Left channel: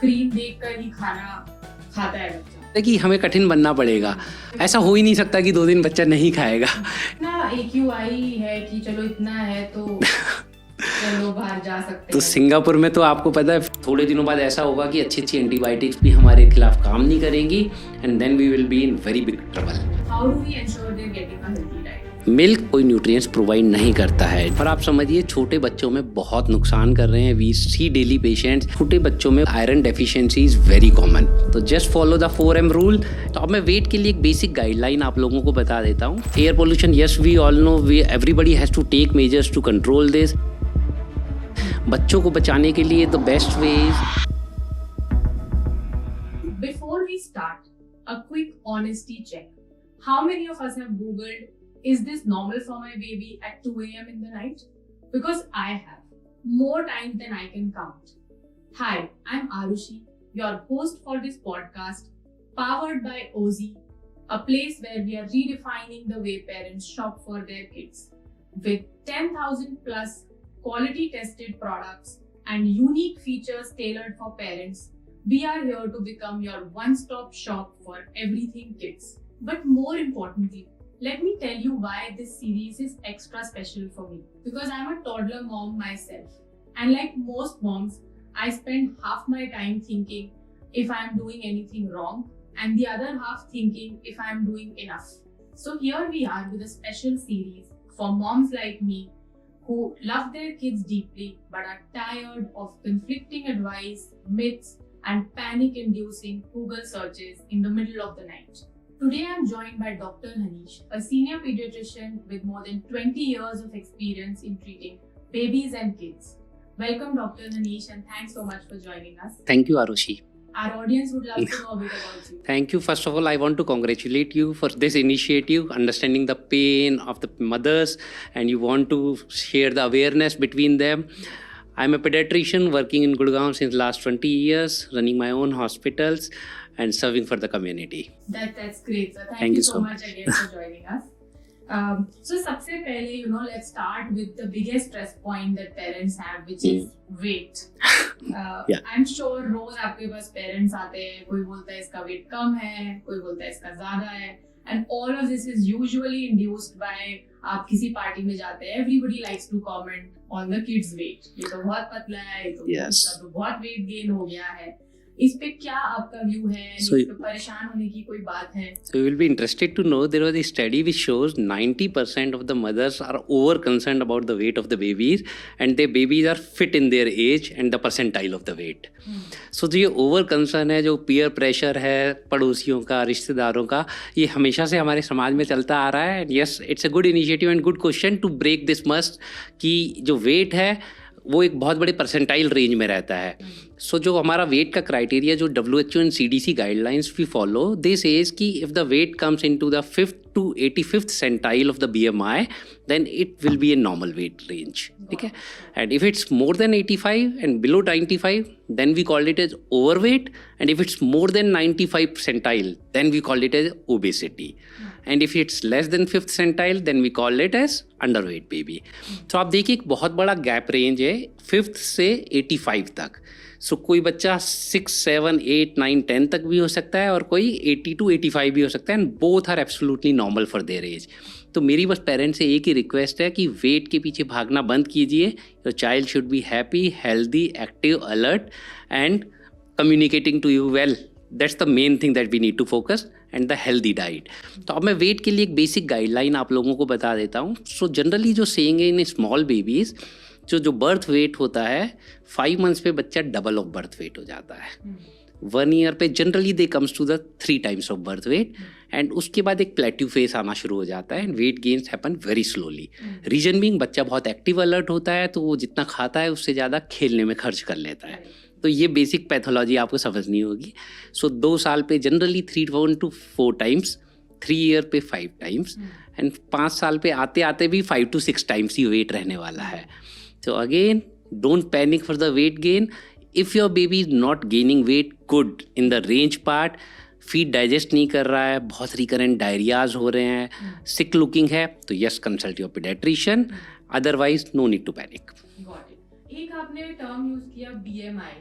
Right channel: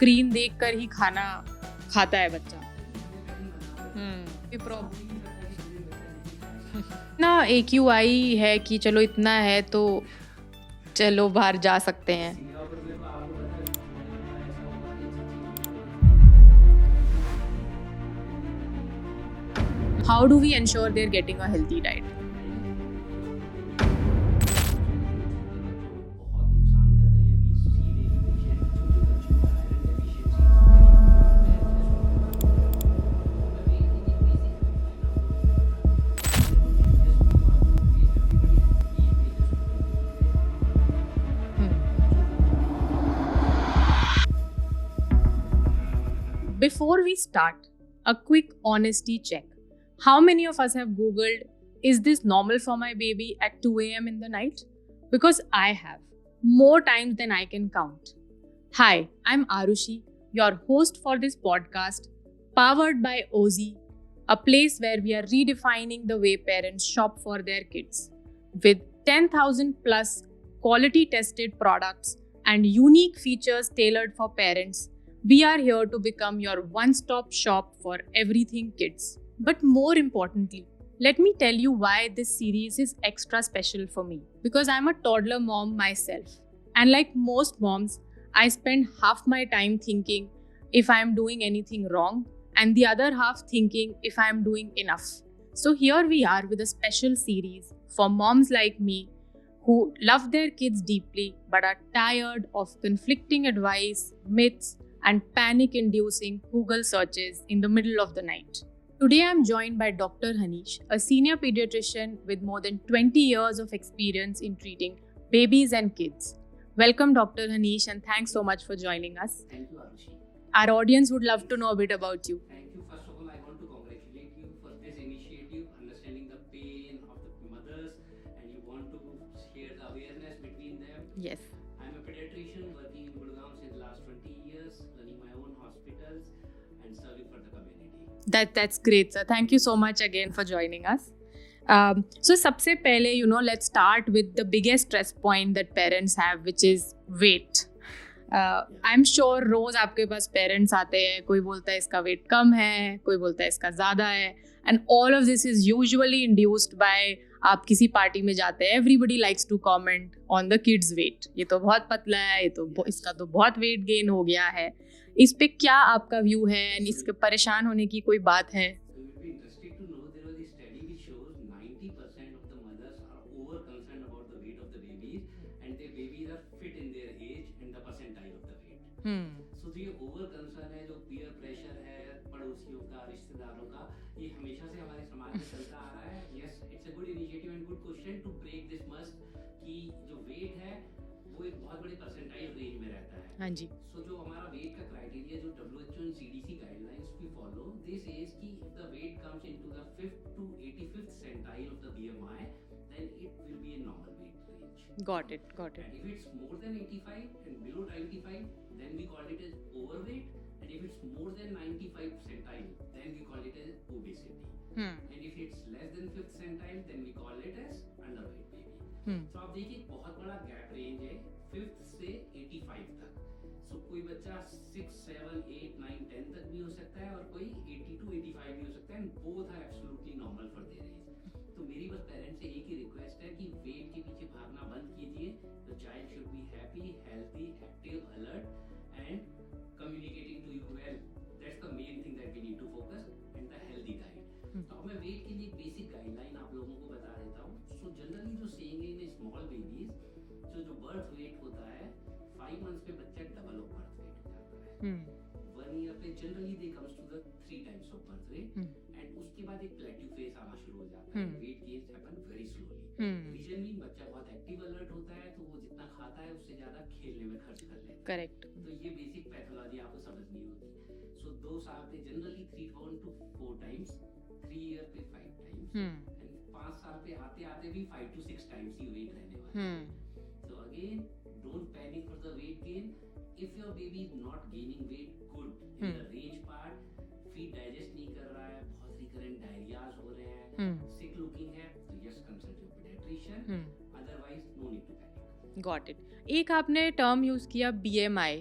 Screen देखकर ही खाना खाता है बच्चा। कि हमें कठिन बनना पड़ेगा, ऐसा हो ही नहीं सकता कि 2 दिन बच्चा नहीं खाएगा ना AQI है कि चलो इतना है तो चलो बाहर जा सकते तो हैं। सिंगापुर में तो आपको पता है थोड़े दिनों बाद ऐसा होगा कि अच्छी एंटीबायोटिक्स भी हमारे खिलाफ काम नहीं करेंगी and then we will be in very big trouble. How do we ensure they are getting a healthy diet? Milk कोई न्यूट्रिएंट्स प्रोवाइड नहीं करता है और आप समझिए छोटे बच्चों में बहुत नुकसान कर रहे हैं। वी सी डेली पेशेंट्स, छोटे बच्चों में iron deficiency is very common. तो just follow the 4M rule. तो अब मैं वेट के लिए एक बेसिक गाइडलाइन आप लोगों को बता देता हूँ। Air pollution, yes we all know, we everybody has to take measures to control this. बच्चों को बचाने के लिए the best way is, Before we start, a quick honesty check. How many of us have Googled, is this normal for my baby at 2 a.m. in the night? Because I have, more times than I can count. Hi, I'm Arushi, your host for this podcast, powered by Ozy, a place where we are redefining the way parents shop for their kids. With 10,000 plus quality tested products and unique features tailored for parents, we are here to become your one-stop shop for everything kids. But more importantly, let me tell you why this series is extra special for me. Because I'm a toddler mom myself. And like most moms, I spend half my time thinking if I'm doing anything wrong and the other half thinking if I'm doing enough. So here we are with a special series for moms like me who love their kids deeply but are tired of conflicting advice, myths, and panic-inducing Google searches in the middle of the night. Today I'm joined by Dr. Hanish, a senior pediatrician with more than 20 years of experience in treating babies and kids. Welcome Dr. Hanish and thanks so much for joining us. thank you Arushi. Our audience would love to know a bit about you. Thank you. First of all, I want to congratulate you for this initiative, understanding the pain of the mothers, and you want to share the awareness between them. Yes. I'm a pediatrician working in Gurgaon since last 20 years, running my own hospitals and serving for the community. That's great, sir. Thank you so much again for joining us. So सबसे पहले, let's start with the biggest stress point that parents have, which is weight. Yeah. I'm sure रोज आपके पास parents आते हैं, कोई बोलता है इसका weight कम है, कोई बोलता है इसका ज़्यादा है, and all of this is usually induced by आप किसी पार्टी में जाते हैं, everybody likes to comment on the kids weight. ये तो बहुत पतला है, ये तो इसका तो बहुत weight gain हो गया है. इस पे क्या आपका व्यू है? इसके परेशान होने की कोई बात है? So you will be interested to know there was a study which shows 90% of the mothers are over concerned about the weight of the babies and their babies are fit in their age and the percentile of the weight. So जो ये over concern है, जो peer pressure है पड़ोसियों का, रिश्तेदारों का, ये हमेशा से हमारे समाज में चलता आ रहा है. Yes, it's a good initiative and good question to break this must कि जो weight है वो एक बहुत बड़े परसेंटाइल रेंज में रहता है. सो जो हमारा वेट का क्राइटेरिया जो WHO एंड CDC गाइडलाइंस भी फॉलो, दे सेज कि if the weight comes into the 5th to 85th centile of the BMI then it will be a normal weight range. ठीक है. And if it's more than 85 and below 95 then we call it as overweight, and if it's more than 95 percentile then we call it as obesity. And if it's less than 5th centile then we call it as underweight baby. तो आप देखिए एक बहुत बड़ा gap range है 5th से 85 तक. सो कोई बच्चा 6, 7, 8, 9, 10 तक भी हो सकता है और कोई 80 to 85 भी हो सकता है, and both are absolutely normal for their age. तो मेरी बस पेरेंट्स से एक ही रिक्वेस्ट है कि वेट के पीछे भागना बंद कीजिए. Your child should be happy, healthy, active, alert and communicating to you well. That's the main thing that we need to focus, and the healthy diet. तो अब मैं वेट के लिए एक बेसिक गाइडलाइन आप लोगों को बता देता हूँ. सो जनरली जो सेइंग है इन स्मॉल बेबीज़, जो बर्थ वेट होता है 5 months पे बच्चा डबल ऑफ बर्थ वेट हो जाता है. 1 year पे generally they comes to the 3 times of birth weight, and उसके बाद एक प्लेट्यू फेस आना शुरू हो जाता है and weight gains happen very slowly. Reason being बच्चा बहुत एक्टिव अलर्ट होता है, तो वो जितना खाता है उससे ज़्यादा खेलने में खर्च कर लेता है. तो ये बेसिक पैथोलॉजी आपको समझनी होगी. सो 2 साल पे जनरली 3 to 4 times, 3 year पे 5 times, एंड 5 साल पे आते आते भी 5 to 6 times ही वेट रहने वाला है. So again, don't panic for the weight gain. If your baby is not gaining weight good in the range part, feed digest नहीं कर रहा है, बहुत recurrent diarrheas हो रहे हैं, sick looking है, तो yes, consult your pediatrician. Otherwise, no need to panic. Got it. एक आपने टर्म यूज किया BMI.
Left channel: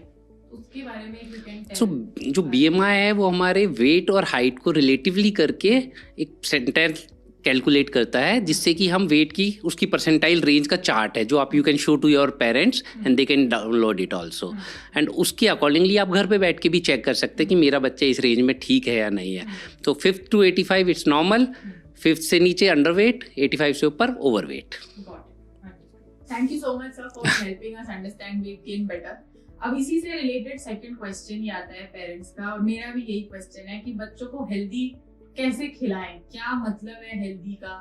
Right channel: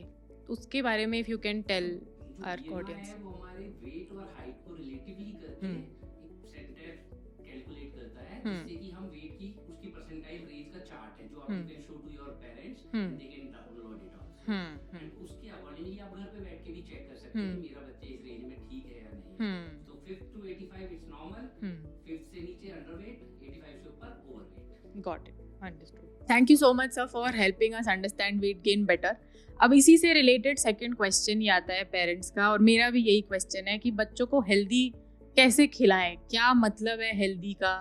तो उसके बारे में इफ यू कैन टेल। सो जो BMI है वो हमारे वेट और हाइट को रिलेटिवली करके एक सेंटेंस कैलकुलेट करता है, जिससे कि हम वेट की उसकी परसेंटाइल रेंज का चार्ट है जो आप you can show to your parents and they can download it also, and उसके अकॉर्डिंगली आप घर पे बैठ के भी चेक कर सकते हैं कि मेरा बच्चा इस रेंज में ठीक है या नहीं है। तो 5 to 85 इट्स नॉर्मल, 5 से नीचे अंडरवेट, 85 से ऊपर overweight. Got it, understood. Thank you so much sir for helping us understand weight gain better. अब इसी से रिलेटेड सेकंड क्वेश्चन ही आता है पेरेंट्स का, और मेरा भी यही क्वेश्चन है कि बच्चों को हेल्दी कैसे खिलाएं, क्या मतलब है हेल्दी का,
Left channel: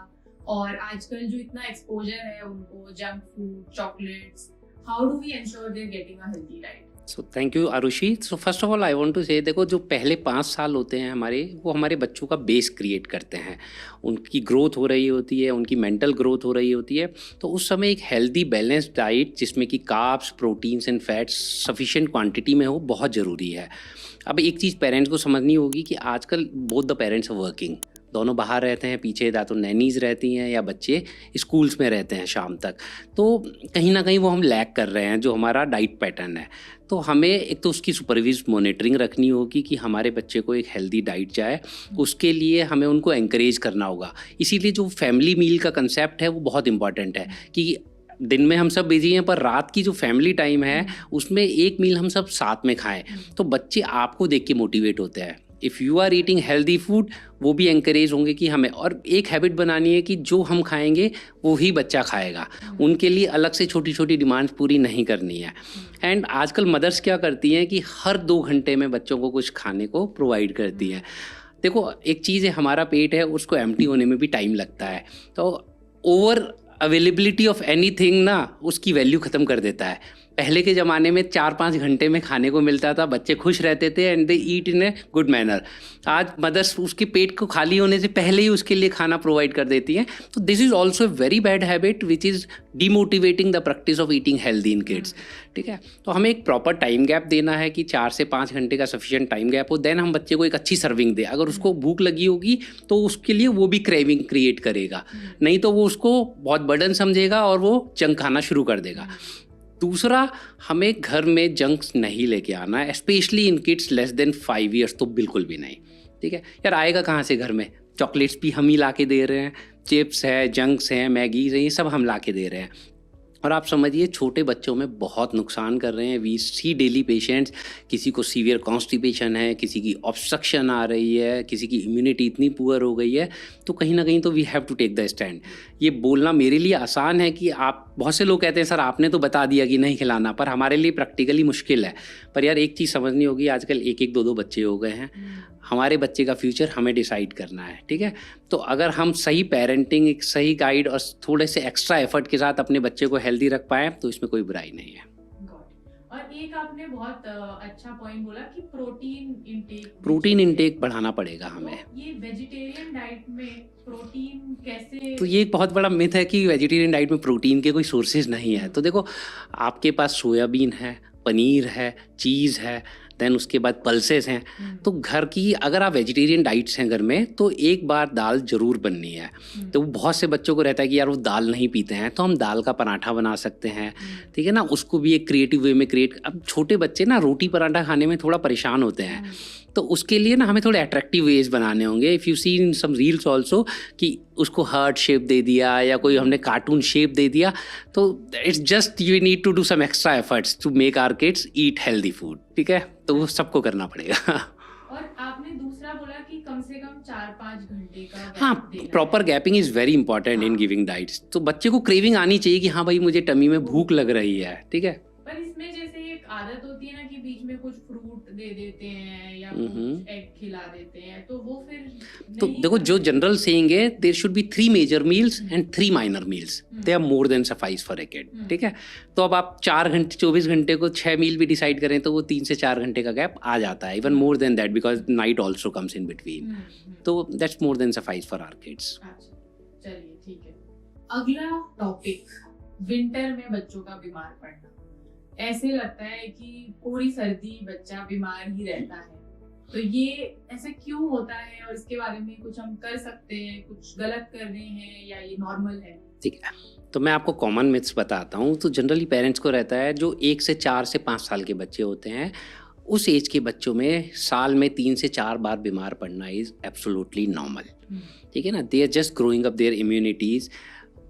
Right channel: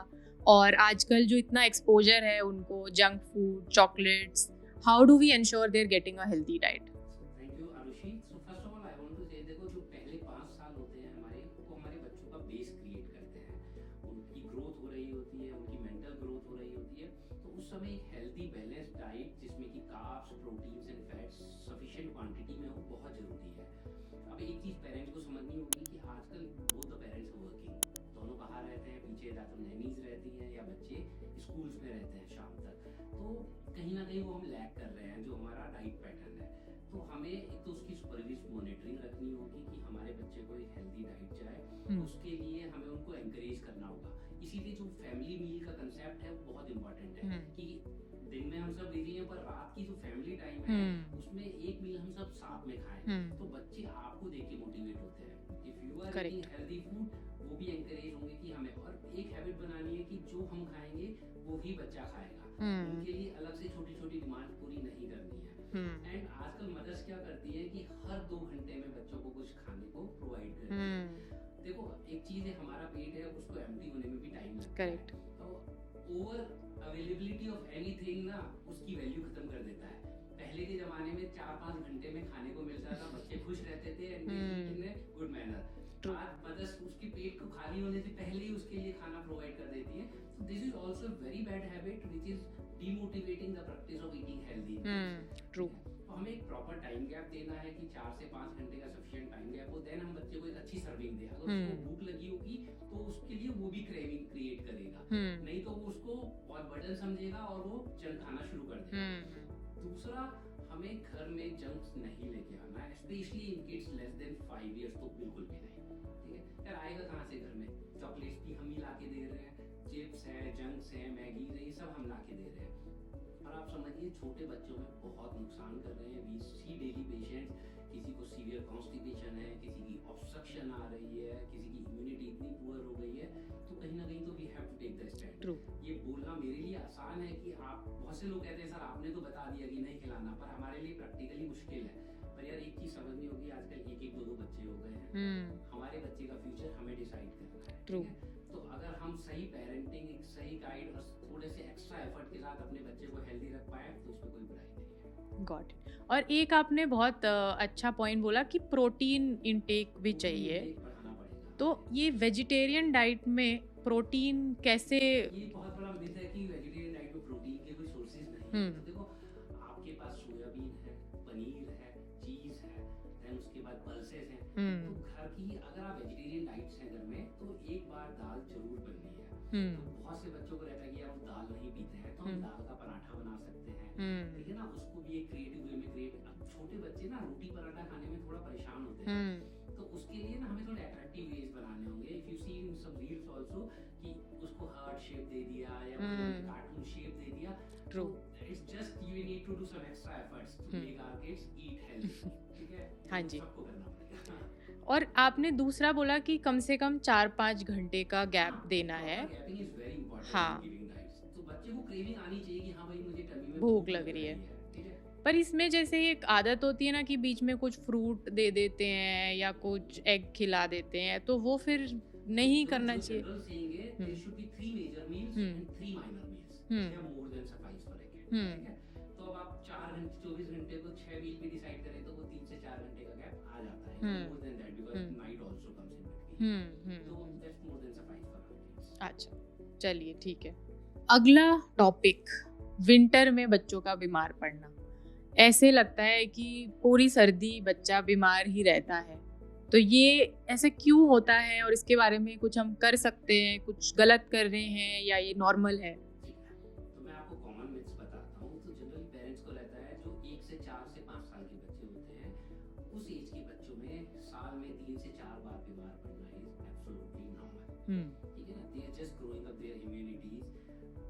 और आजकल जो इतना एक्सपोजर है उनको junk food, chocolates, how do we ensure they are getting a healthy diet? So thank you Arushi. So first of all I want to say, देखो जो पहले 5 साल होते हैं हमारे, वो हमारे बच्चों का बेस क्रिएट करते हैं। उनकी ग्रोथ हो रही होती है, उनकी मेंटल ग्रोथ हो रही होती है, तो उस समय एक हेल्दी बैलेंस्ड डाइट जिसमें कि carbs, proteins and fats sufficient quantity में हो, बहुत ज़रूरी है। अब एक चीज़ पेरेंट्स को समझनी होगी कि आजकल both the parents are working, दोनों बाहर रहते हैं, पीछे या तो नैनीज़ रहती हैं या बच्चे स्कूल्स में रहते हैं शाम तक, तो कहीं ना कहीं वो हम लैक कर रहे हैं जो हमारा डाइट पैटर्न है। तो हमें एक तो उसकी सुपरवाइज मॉनिटरिंग रखनी होगी कि हमारे बच्चे को एक हेल्दी डाइट जाए, उसके लिए हमें उनको एंकरेज करना होगा। इसीलिए जो फैमिली मील का कंसेप्ट है वो बहुत इंपॉर्टेंट है कि दिन में हम सब बिजी हैं, पर रात की जो फैमिली टाइम है उसमें एक मील हम सब साथ में खाएं, तो बच्चे आपको देख के मोटिवेट होते हैं। If you are eating healthy food, वो भी एंकरेज होंगे कि हमें, और एक हैबिट बनानी है कि जो हम खाएंगे वो ही बच्चा खाएगा। उनके लिए अलग से छोटी छोटी डिमांड्स पूरी नहीं करनी है। एंड आजकल मदर्स क्या करती हैं कि हर 2 घंटे में बच्चों को कुछ खाने को प्रोवाइड करती हैं। देखो एक चीज़ है, हमारा पेट है, उसको एम्प्टी होने में भी टाइम लगता है, तो ओवर अवेलेबिलिटी ऑफ एनीथिंग ना उसकी वैल्यू ख़त्म कर देता है। पहले के ज़माने में 4-5 घंटे में खाने को मिलता था, बच्चे खुश रहते थे and they eat in a good manner. आज मदर्स उसके पेट को खाली होने से पहले ही उसके लिए खाना प्रोवाइड कर देती हैं। तो this is also a very bad habit which is demotivating the practice of eating healthy in kids. ठीक है, तो हमें एक प्रॉपर टाइम गैप देना है कि 4 से 5 घंटे का सफिशिएंट टाइम गैप हो, देन हम बच्चे को एक अच्छी सर्विंग दें। अगर उसको भूख लगी होगी तो उसके लिए वो भी क्रेविंग क्रिएट करेगा, नहीं तो वो उसको बहुत बर्डन समझेगा और वो जंक खाना शुरू कर देगा। दूसरा, हमें घर में जंक्स नहीं लेके आना है, specially in kids less than 5 years, तो बिल्कुल भी नहीं। ठीक है यार, आएगा कहाँ से घर में? चॉकलेट्स भी हम ही ला के दे रहे हैं, चिप्स है, जंक्स हैं, मैगीज हैं, ये सब हम ला के दे रहे हैं, और आप समझिए छोटे बच्चों में बहुत नुकसान कर रहे हैं। वी सी डेली पेशेंट्स, किसी को सीवियर कॉन्स्टिपेशन है, किसी की ऑब्स्ट्रक्शन आ रही है, किसी की इम्यूनिटी इतनी पुअर हो गई है, तो कहीं ना कहीं तो we have to take the stand. ये बोलना मेरे लिए आसान है कि आप, बहुत से लोग कहते हैं सर आपने तो बता दिया कि नहीं खिलाना, पर हमारे लिए प्रैक्टिकली मुश्किल है। पर यार एक चीज़ समझनी होगी, आजकल 1-1, 2-2 बच्चे हो गए हैं, हमारे बच्चे का फ्यूचर हमें डिसाइड करना है। ठीक है, तो अगर हम सही पेरेंटिंग, एक सही गाइड और थोड़े से एक्स्ट्रा एफर्ट के साथ अपने बच्चे को हेल्दी रख पाएँ तो इसमें कोई बुराई नहीं है। और एक आपने बहुत अच्छा पॉइंट बोला कि प्रोटीन इंटेक बढ़ाना पड़ेगा हमें। तो ये वेजिटेरियन डाइट में प्रोटीन कैसे? तो ये एक बहुत बड़ा मिथ है कि वेजिटेरियन डाइट में प्रोटीन के कोई सोर्सेज नहीं है। तो देखो आपके पास सोयाबीन है, पनीर है, चीज़ है, देन उसके बाद पल्सेस हैं। तो घर की अगर आप वेजिटेरियन डाइट्स हैं घर में, तो एक बार दाल जरूर बननी है। तो बहुत से बच्चों को रहता है कि यार वो दाल नहीं पीते हैं, तो हम दाल का पराठा बना सकते हैं। ठीक है ना, उसको भी एक क्रिएटिव वे में अब छोटे बच्चे ना रोटी पराठा खाने में थोड़ा परेशान होते हैं, तो उसके लिए ना हमें थोड़े अट्रैक्टिव वेज बनाने होंगे। If you see in some reels also कि उसको हार्ट शेप दे दिया या कोई हमने कार्टून शेप दे दिया, तो it's just you need to do some extra efforts to make our kids eat healthy food. ठीक है, तो वो सबको करना पड़ेगा। और आपने दूसरा बोला कि कम से कम 4-5 घंटे का गैप देना। Proper gapping is very important in giving diets. तो बच्चे को क्रेविंग आनी चाहिए कि हाँ भाई मुझे टमी में भूख लग रही है। ठीक है, पर इसमें जैसे एक आदत होती है ना कि बीच में कुछ फ्रूट दे देते हैं या कुछ एग खिला देते हैं, तो वो फिर नहीं। तो देखो जो जनरल सेइंग है, there should be 3 major meals and 3 minor meals, they are more than suffice for a kid. ठीक है, तो अब आप 4 घंटे 24 घंटे को 6 मील भी डिसाइड करें तो वो 3 से 4 घंटे का गैप आ जाता है, even more than that, because night also comes in between, तो that's more than suffice for our kids. अच्छा चलिए ठीक है। अगला टॉपिक, विंटर में बच्चों का बीमार पड़ना। ऐसे लगता है कि पूरी सर्दी बच्चा बीमार ही रहता है, तो ये ऐसे क्यों होता है और इसके बारे में कुछ हम कर सकते हैं, कुछ गलत कर रहे हैं या ये नॉर्मल है? ठीक है, तो मैं आपको कॉमन मिथ्स बताता हूँ। तो जनरली पेरेंट्स को रहता है जो 1 से 4 से 5 साल के बच्चे होते हैं उस एज के बच्चों में साल में 3 से 4 बार बीमार पड़ना इज़ एब्सोल्युटली नॉर्मल, ठीक है ना। They are just growing up their immunities,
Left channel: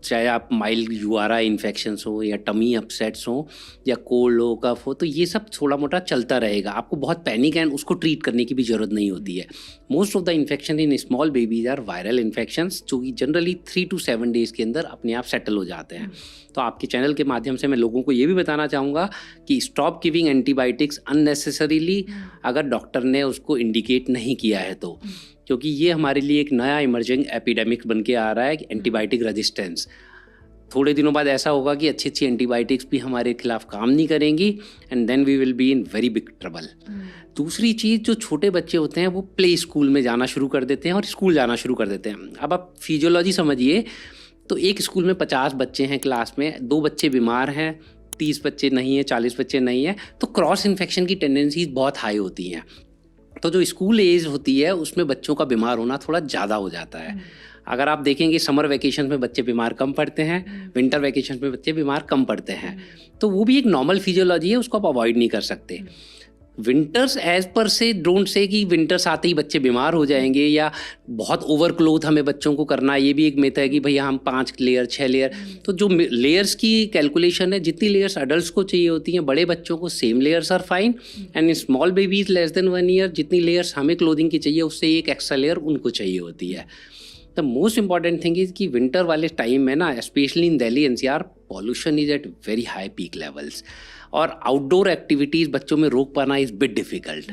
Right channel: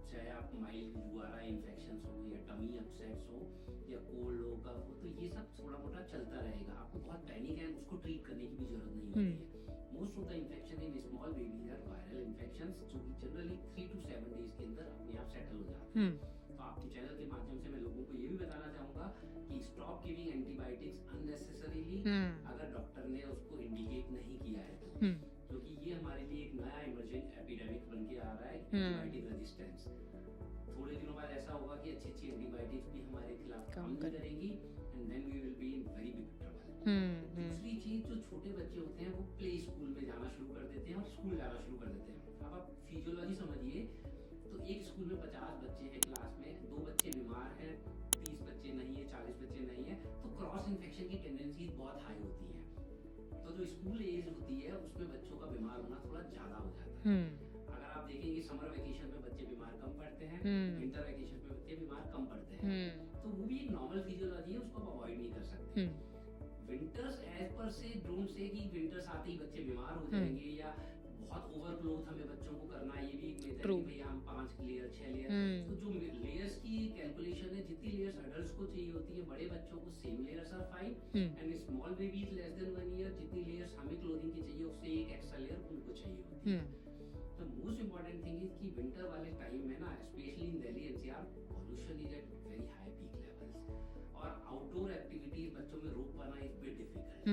चाहे आप माइल्ड यूआरआई इन्फेक्शंस हो या टमी अपसेट्स हो या कोल्ड हो, कफ हो, तो ये सब थोड़ा मोटा चलता रहेगा। आपको बहुत पैनिक एंड उसको ट्रीट करने की भी ज़रूरत नहीं होती है। Most of the infection in small babies are viral infections, जो कि जनरली 3 to 7 डेज़ के अंदर अपने आप सेटल हो जाते हैं। तो आपके चैनल के माध्यम से मैं लोगों को ये भी बताना चाहूँगा कि स्टॉप गिविंग एंटीबायोटिक्स अननेसेसरीली, अगर डॉक्टर ने उसको इंडिकेट नहीं किया है तो, क्योंकि ये हमारे लिए एक नया इमर्जिंग एपिडेमिक बन के आ रहा है, एंटीबायोटिक रेजिस्टेंस। थोड़े दिनों बाद ऐसा होगा कि अच्छी अच्छी एंटीबायोटिक्स भी हमारे खिलाफ काम नहीं करेंगी and then we will be in very big trouble. दूसरी चीज़, जो छोटे बच्चे होते हैं वो प्ले स्कूल में जाना शुरू कर देते हैं और स्कूल जाना शुरू कर देते हैं। अब आप फिजियोलॉजी समझिए, तो एक स्कूल में 50 बच्चे हैं क्लास में, 2 बच्चे बीमार हैं, 30 बच्चे नहीं हैं, 40 बच्चे नहीं हैं, तो क्रॉस इन्फेक्शन की टेंडेंसीज बहुत हाई होती हैं। तो जो स्कूल एज होती है उसमें बच्चों का बीमार होना थोड़ा ज़्यादा हो जाता है। अगर आप देखेंगे समर वेकेशन में बच्चे बीमार कम पड़ते हैं, विंटर वेकेशन में बच्चे बीमार कम पड़ते हैं, तो वो भी एक नॉर्मल फिजियोलॉजी है, उसको आप अवॉइड नहीं कर सकते। विंटर्स एज पर से डोंट से कि विंटर्स आते ही बच्चे बीमार हो जाएंगे या बहुत ओवर क्लोथ हमें बच्चों को करना है, ये भी एक मिथ है कि भैया हम 5 लेयर 6 लेयर, तो जो लेयर्स की कैलकुलेशन है, जितनी लेयर्स अडल्ट को चाहिए होती हैं, बड़े बच्चों को same layers are fine, and small babies less than 1 year जितनी लेयर्स हमें क्लोथिंग की चाहिए उससे एक एक्स्ट्रा लेयर उनको चाहिए होती है। The most important thing is कि विंटर वाले टाइम में ना, specially in Delhi NCR, pollution is at very high peak levels और आउटडोर एक्टिविटीज़ बच्चों में रोक पाना इज़ बिट डिफ़िकल्ट।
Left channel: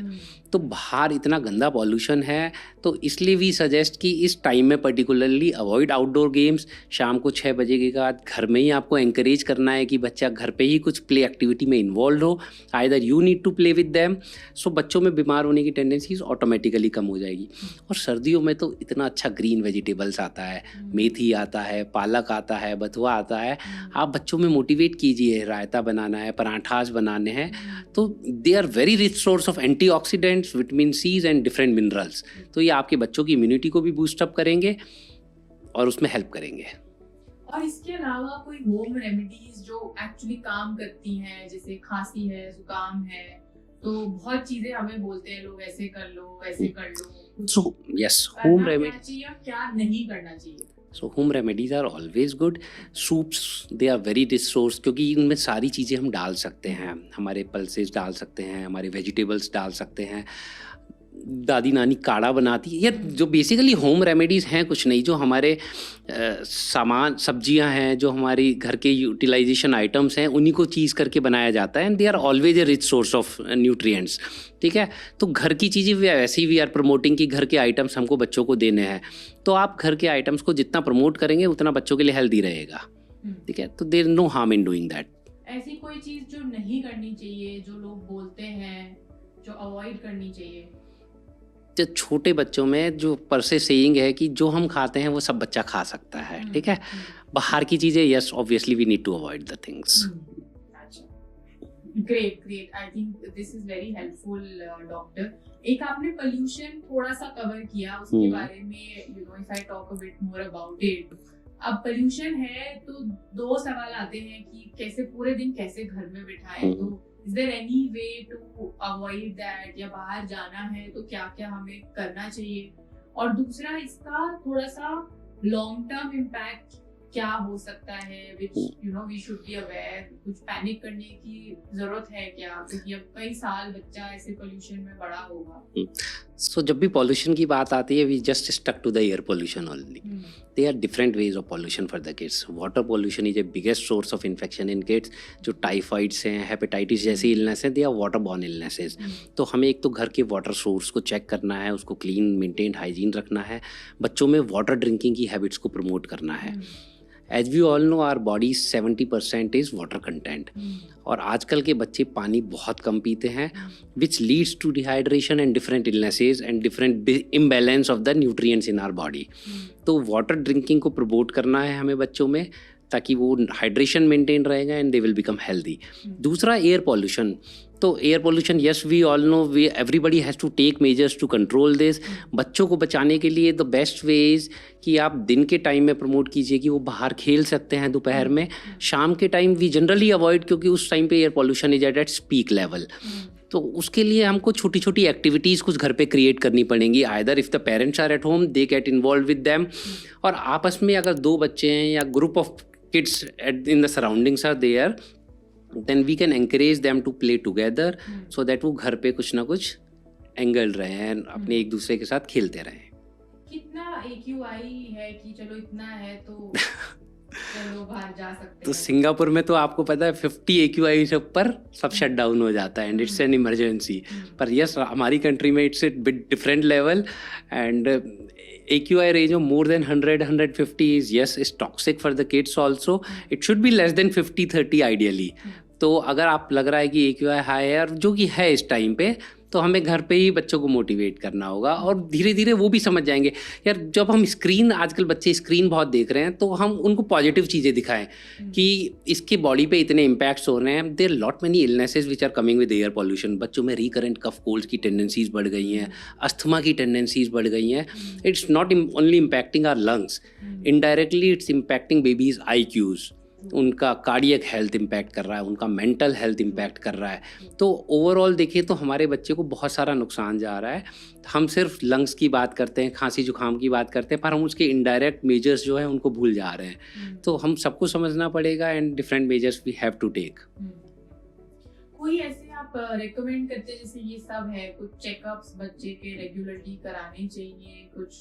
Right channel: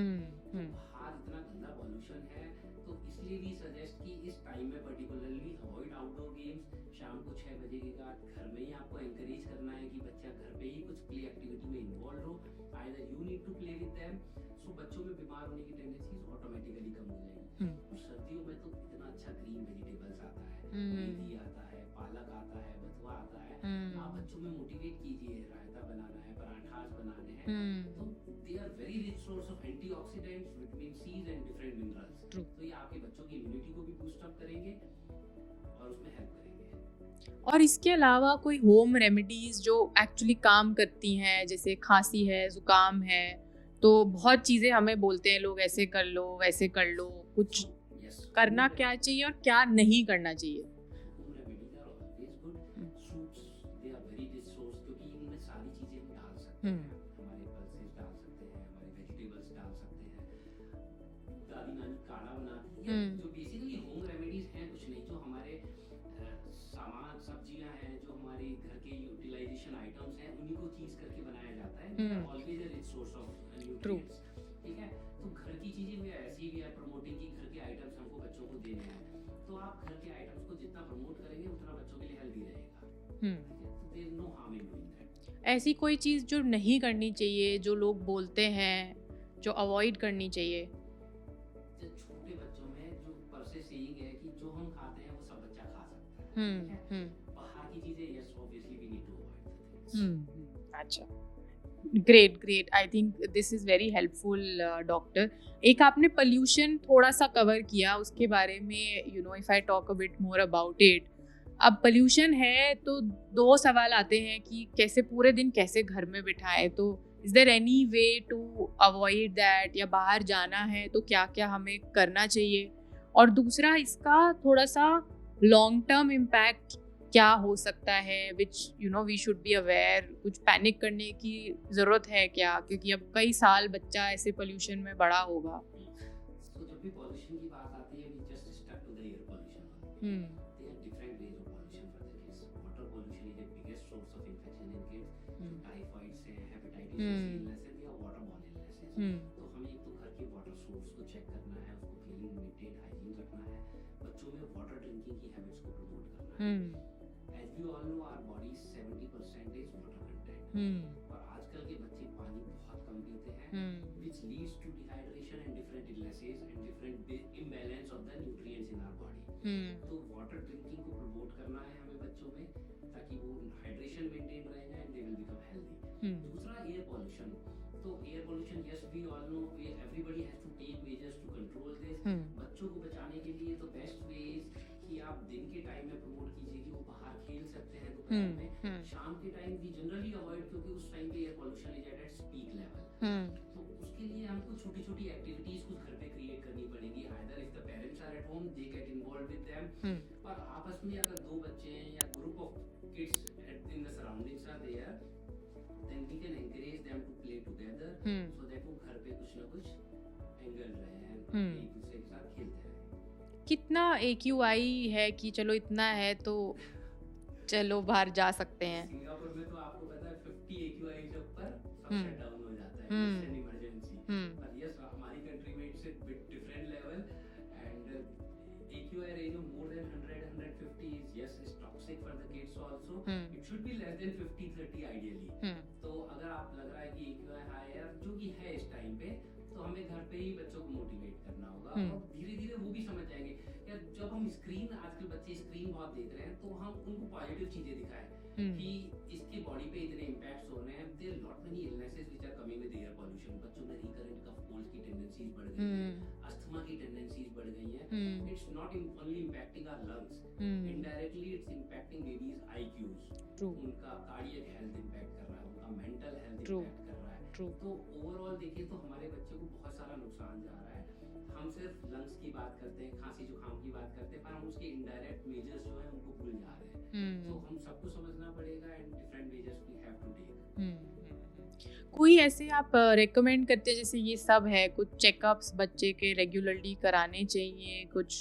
तो बाहर इतना गंदा पॉल्यूशन है, तो इसलिए वी सजेस्ट कि इस टाइम में पर्टिकुलरली अवॉइड आउटडोर गेम्स। शाम को 6 बजे के बाद घर में ही आपको एंकरेज करना है कि बच्चा घर पे ही कुछ प्ले एक्टिविटी में इन्वॉल्व हो, either you need to play with them, so बच्चों में बीमार होने की टेंडेंसीज ऑटोमेटिकली कम हो जाएगी। और सर्दियों में तो इतना अच्छा ग्रीन वेजिटेबल्स आता है, मेथी आता है, पालक आता है, बथुआ आता है, आप बच्चों में मोटिवेट कीजिए, रायता बनाना है, पराठास बनाने हैं, तो they are very rich source of antioxidants, vitamin Cs and different minerals. तो ये आपके बच्चों की इम्यूनिटी को भी बूस्ट अप करेंगे और उसमें हेल्प करेंगे। और इसके अलावा कोई होम रेमेडीज जो एक्चुअली काम करती हैं, जैसे खांसी है, जुकाम है, तो बहुत चीजें हमें बोलते हैं लोग, ऐसे कर लो वैसे कर लो, कुछ करना क्या चाहिए और क्या नहीं करना चाहिए? So home remedies are always good. Soups, they are very rich source, क्योंकि इनमें सारी चीज़ें हम डाल सकते हैं, हमारे पल्सेस डाल सकते हैं, हमारे वेजिटेबल्स डाल सकते हैं, दादी नानी काढ़ा बनाती है। ये जो बेसिकली होम रेमेडीज़ हैं कुछ नहीं, जो हमारे सामान सब्जियां हैं, जो हमारी घर के यूटिलाइजेशन आइटम्स हैं, उन्हीं को चीज़ करके बनाया जाता है, and they are always a rich source of nutrients. ठीक है, तो घर की चीज़ें वैसे ही वी आर प्रमोटिंग कि घर के आइटम्स हमको बच्चों को देने हैं, तो आप घर के आइटम्स को जितना प्रमोट करेंगे उतना बच्चों के लिए हेल्दी रहेगा। ठीक है, तो there is no harm in doing that. ऐसी कोई चीज़ जो नहीं करनी चाहिए, जो लोग बोलते हैं, जो अवॉइड करनी चाहिए? जो छोटे बच्चों में जो पर से सेइंग है कि जो हम खाते हैं वो सब बच्चा खा सकता है, ठीक है। बाहर की चीज़ें, yes obviously we need to avoid the things. अच्छा, great, I think this is very helpful doctor. एक आपने पोल्यूशन थोड़ा सा कवर किया, उसके बारे में you know if I talk a bit more about it. अब पोल्यूशन है तो 2 सवाल आते हैं कि कैसे पूरे दिन कैसे घर में बिठाएं, तो is there any way to avoid that, या बाहर जाना है तो क्या क्या हमें करना चाहिए? और दूसरा, इसका थोड़ा सा लॉन्ग टर्म इम्पैक्ट क्या हो सकता है, which you know we should be aware? कुछ पैनिक करने की जरूरत है क्या, क्योंकि अब कई साल बच्चा ऐसे पोल्यूशन में बड़ा होगा। सो जब भी पॉल्यूशन की बात आती है, we just stuck to the air pollution only. There are different ways of pollution for the kids. Water pollution is a biggest source of infection in kids. जो टाइफाइड्स हैं, हेपेटाइटिस जैसी इलनेस हैं, they are waterborne illnesses. तो हमें एक तो घर के वाटर सोर्स को चेक करना है, उसको क्लीन, मेंटेन, हाइजीन रखना है, बच्चों में वाटर ड्रिंकिंग की हैबिट्स को प्रमोट करना है। As we all know, our body 70% is water content. और आजकल के बच्चे पानी बहुत कम पीते हैं, which leads to dehydration and different illnesses and different imbalance of the nutrients in our body. तो वाटर ड्रिंकिंग को प्रमोट करना है हमें बच्चों में, ताकि वो हाइड्रेशन मेंटेन रहेगा and they will become healthy. दूसरा, एयर पॉल्यूशन। तो air pollution, yes we all know, we everybody has to take measures to control this. बच्चों को बचाने के लिए द बेस्ट वे इज़ कि आप दिन के टाइम में प्रमोट कीजिए कि वो बाहर खेल सकते हैं दोपहर में। शाम के टाइम वी जनरली अवॉइड, क्योंकि उस टाइम पे air pollution is at its peak level. तो उसके लिए हमको छोटी छोटी एक्टिविटीज़ कुछ घर पे क्रिएट करनी पड़ेंगी. Either if the parents are at home they get involve with them, और आपस में अगर 2 बच्चे हैं या group of kids in the surroundings are there, then we can encourage them to play together, so that वो घर पे कुछ ना कुछ एंगल रहे हैं, अपने एक दूसरे के साथ खेलते रहें. कितना AQI है कि चलो इतना है तो चलो बाहर जा सकते तो हैं? सिंगापुर में तो आपको पता है 50 AQI से ऊपर सब शट डाउन हो जाता है, एंड इट्स एन इमरजेंसी. पर यस, हमारी कंट्री में it's a bit different level, and AQI range of more than 100-150 is yes is toxic for the kids also. It should be less than 50-30 ideally. तो अगर आप लग रहा है कि AQI हाई है, और जो कि है इस टाइम पे, तो हमें घर पे ही बच्चों को मोटिवेट करना होगा, और धीरे धीरे वो भी समझ जाएंगे. यार जब हम स्क्रीन, आजकल बच्चे स्क्रीन बहुत देख रहे हैं, तो हम उनको पॉजिटिव चीज़ें दिखाएं कि इसके बॉडी पे इतने इम्पैक्ट्स हो रहे हैं. There lot many illnesses which are coming with air pollution. बच्चों में रिकरेंट कफ कोल्ड की टेंडेंसीज बढ़ गई हैं, अस्थमा की टेंडेंसीज बढ़ गई हैं. It's not only impacting our lungs, indirectly it's impacting babies IQs. उनका कार्डियक हेल्थ इम्पैक्ट कर रहा है, उनका मेंटल हेल्थ इम्पैक्ट कर रहा है. तो ओवरऑल देखिए तो हमारे बच्चे को बहुत सारा नुकसान जा रहा है. हम सिर्फ लंग्स की बात करते हैं, खांसी जुकाम की बात करते हैं, पर हम उसके इनडायरेक्ट मेजर्स जो है उनको भूल जा रहे हैं. तो हम सबको समझना पड़ेगा, and different measures we have to take. कोई ऐसे आप रेकमेंड करते हैं, जैसे ये सब है, कुछ चेकअप्स बच्चे के रेगुलरली कराने चाहिए, कुछ